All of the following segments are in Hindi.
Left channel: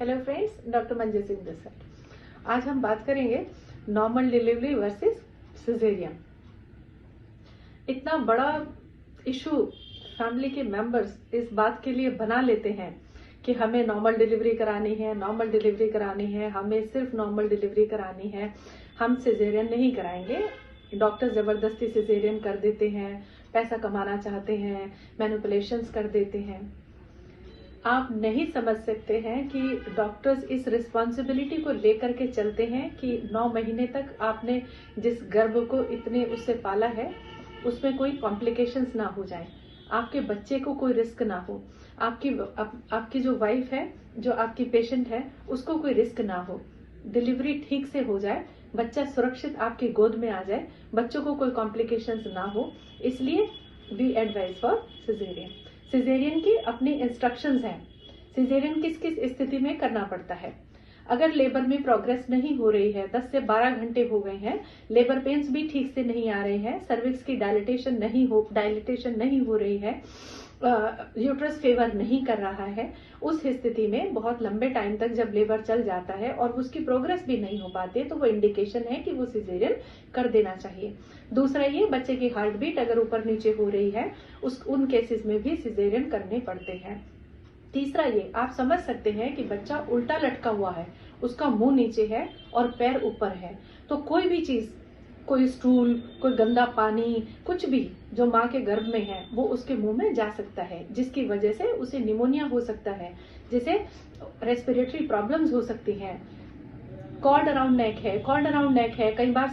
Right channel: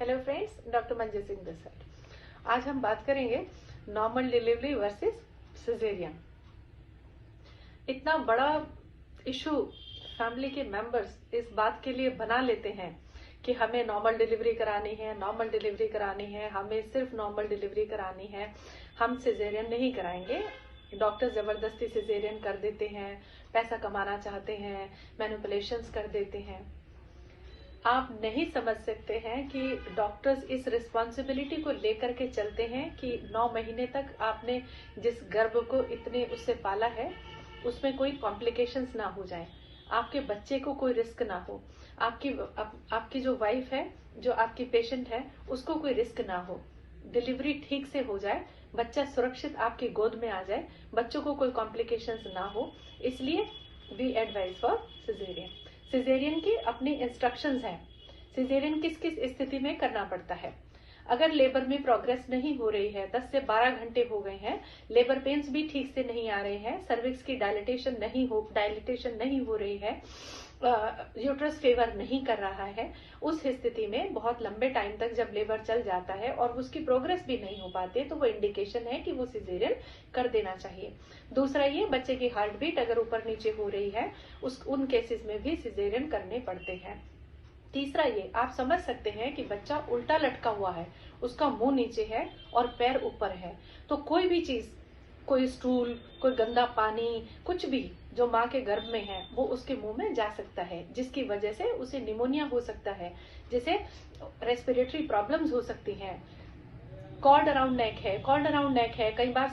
Hello friends, doctor Manju Singh this side. आज हम बात करेंगे नॉर्मल डिलीवरी वर्सेस सिजेरियन। इतना बड़ा इशू फैमिली के मेंबर्स इस बात के लिए बना लेते हैं कि हमें नॉर्मल डिलीवरी करानी है, नॉर्मल डिलीवरी करानी है, हमें सिर्फ नॉर्मल डिलीवरी करानी है, हम सिजेरियन नहीं कराएंगे। डॉक्टर जबरदस्ती सिजेरियन कर देते हैं, पैसा कमाना चाहते हैं, मैनिपुलेशंस कर देते हैं। आप नहीं समझ सकते हैं कि डॉक्टर्स इस रिस्पॉन्सिबिलिटी को लेकर के चलते हैं कि 9 महीने तक आपने जिस गर्भ को इतने उससे पाला है उसमें कोई कॉम्प्लिकेशंस ना हो जाए, आपके बच्चे को कोई रिस्क ना हो, आपकी जो वाइफ है, जो आपकी पेशेंट है, उसको कोई रिस्क ना हो, डिलीवरी ठीक से हो जाए, बच्चा सुरक्षित आपकी गोद में आ जाए, बच्चों को कोई कॉम्प्लिकेशंस ना हो। इसलिए we advise for caesarean. Caesarean की अपनी इंस्ट्रक्शंस हैं। सिजेरियन किस किस स्थिति में करना पड़ता है। अगर लेबर में प्रोग्रेस नहीं हो रही है, 10 से 12 घंटे हो गए हैं, लेबर पेन्स भी ठीक से नहीं आ रहे हैं, सर्विक्स की डायलिटेशन नहीं हो रही है, यूट्रस फेवर नहीं कर रहा है, उस स्थिति में बहुत लंबे टाइम तक जब लेबर चल जाता है और उसकी प्रोग्रेस भी नहीं हो पाती, तो वो इंडिकेशन है कि वो सिजेरियन कर देना चाहिए। दूसरा ये, बच्चे की हार्ट बीट अगर ऊपर नीचे हो रही है, उन केसेस में भी सिजेरियन करने पड़ते हैं। तीसरा ये, आप समझ सकते हैं कि बच्चा उल्टा लटका हुआ है, उसका मुंह नीचे है और पैर ऊपर है, तो कोई भी चीज, कोई स्टूल, कोई गंदा पानी, कुछ भी जो माँ के गर्भ में है वो उसके मुंह में जा सकता है, जिसकी वजह से उसे निमोनिया हो सकता है, जिसे रेस्पिरेटरी प्रॉब्लम्स हो सकती हैं। कॉर्ड अराउंड नेक है, कई बार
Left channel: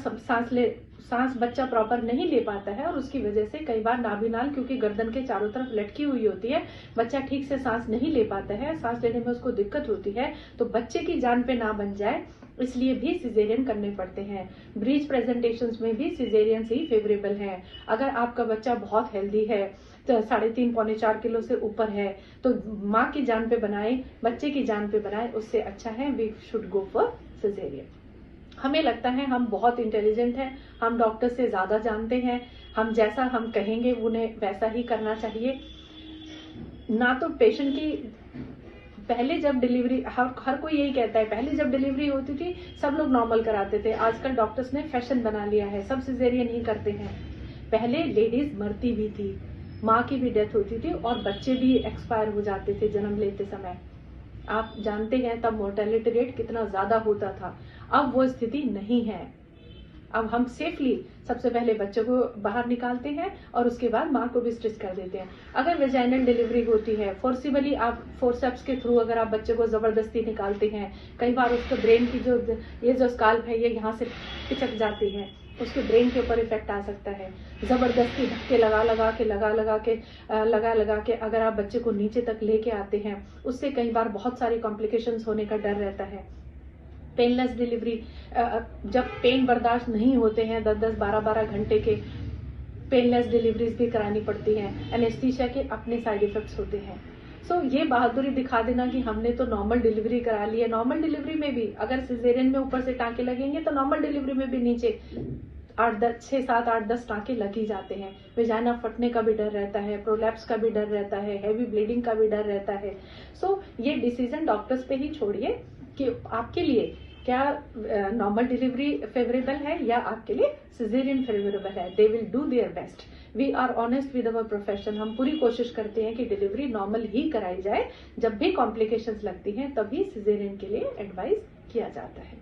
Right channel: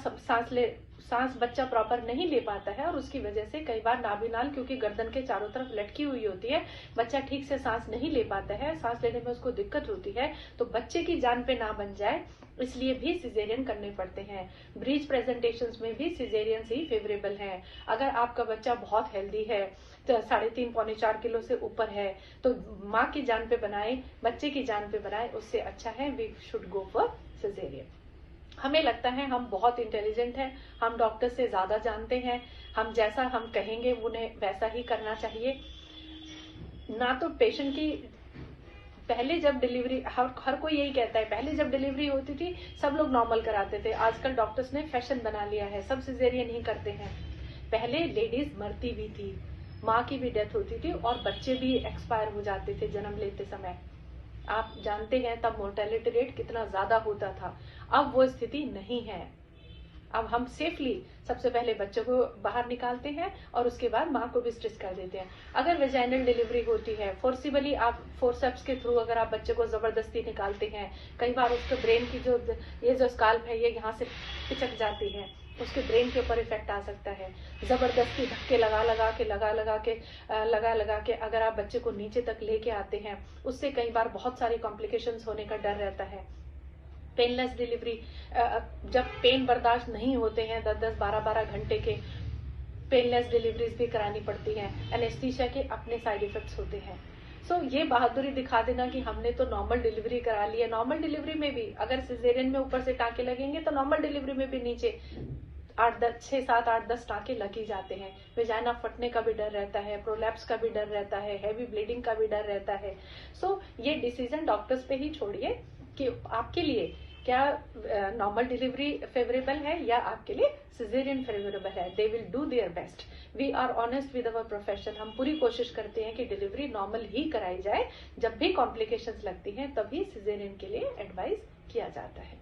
सांस बच्चा प्रॉपर नहीं ले पाता है और उसकी वजह से कई बार नाभिनाल, क्योंकि गर्दन के चारों तरफ लटकी हुई होती है, बच्चा ठीक से सांस नहीं ले पाता है, सांस लेने में उसको दिक्कत होती है, तो बच्चे की जान पे ना बन जाए इसलिए भी सिजेरियन करने पड़ते हैं। ब्रीच प्रेजेंटेशंस में भी सिजेरियन ही फेवरेबल है। अगर आपका बच्चा बहुत हेल्दी है, तो 3.5 पौने 4 किलो से ऊपर है, तो माँ की जान पे बनाए, बच्चे की जान पे बनाए, उससे अच्छा है we should go for caesarean. हमें लगता है हम बहुत इंटेलिजेंट हैं, हम डॉक्टर से ज्यादा जानते हैं, हम जैसा हम कहेंगे उन्हें वैसा ही करना चाहिए ना। तो पेशेंट की पहले जब डिलीवरी, हर कोई यही कहता है, पहले जब डिलीवरी होती थी सब लोग नॉर्मल कराते थे, आजकल डॉक्टर्स ने फैशन बना लिया है, सब सिजेरियन ही करते हैं। पहले लेडीज मरती भी थी, माँ की भी डेथ होती थी और बच्चे भी एक्सपायर हो जाते थे जन्म लेते समय। आप जानते हैं तब मोर्टेलिटी रेट कितना ज्यादा होता था, अब वो स्थिति नहीं है। अब हम सेफली सबसे पहले बच्चों को बाहर निकालते हैं और उसके बाद माँ को भी स्टिच कर देते हैं। अगर वेजाइनल डिलीवरी होती है, फोर्सिबली आप फोर्सेप्स के थ्रू अगर आप बच्चे को जबरदस्ती निकालते हैं, कई बार उसके ब्रेन की जो स्काल्प है ये यहाँ से पिचक जाती है, उसके ब्रेन के ऊपर इफेक्ट आ सकता है। जबरदस्ती धक्के लगा के अगर आप बच्चे को नीचे तक लेके आते हैं, उससे कई बार बहुत सारी कॉम्प्लिकेशंस होने का डर रहता है। पेनलेस डिलीवरी, जब पेन बर्दाश्त नहीं होते हैं 10-10, 12-12 घंटे के, पेनलेस डिलीवरीज भी करानी पड़ती हैं। एनेस्थीसिया के अपने साइड इफेक्ट्स होते हैं। सो ये बहादुरी दिखा देना कि हमने तो नॉर्मल डिलीवरी करा ली है, नॉर्मल डिलीवरी में भी अगर सिजेरियन में ऊपर से टांके लगेंगे तो नॉर्मल डिलीवरी में भी नीचे 6, 7, 8, 10 टांके लग ही जाते हैं। वेजाइना फटने का भी डर रहता है, प्रोलैप्स का भी डर रहता है, हैवी ब्लीडिंग का भी डर रहता है। सो ये डिसीजन डॉक्टर्स पे ही छोड़िए कि आपके लिए क्या नॉर्मल डिलीवरी फेवरेबल है या आपके लिए सिजेरियन फेवरेबल है। They will do their best. We are honest with our profession. हम पूरी कोशिश करते हैं कि डिलीवरी नॉर्मल ही कराई जाए। जब भी कॉम्प्लिकेशंस लगती हैं तभी सिजेरियन के लिए एडवाइस किया जाता है।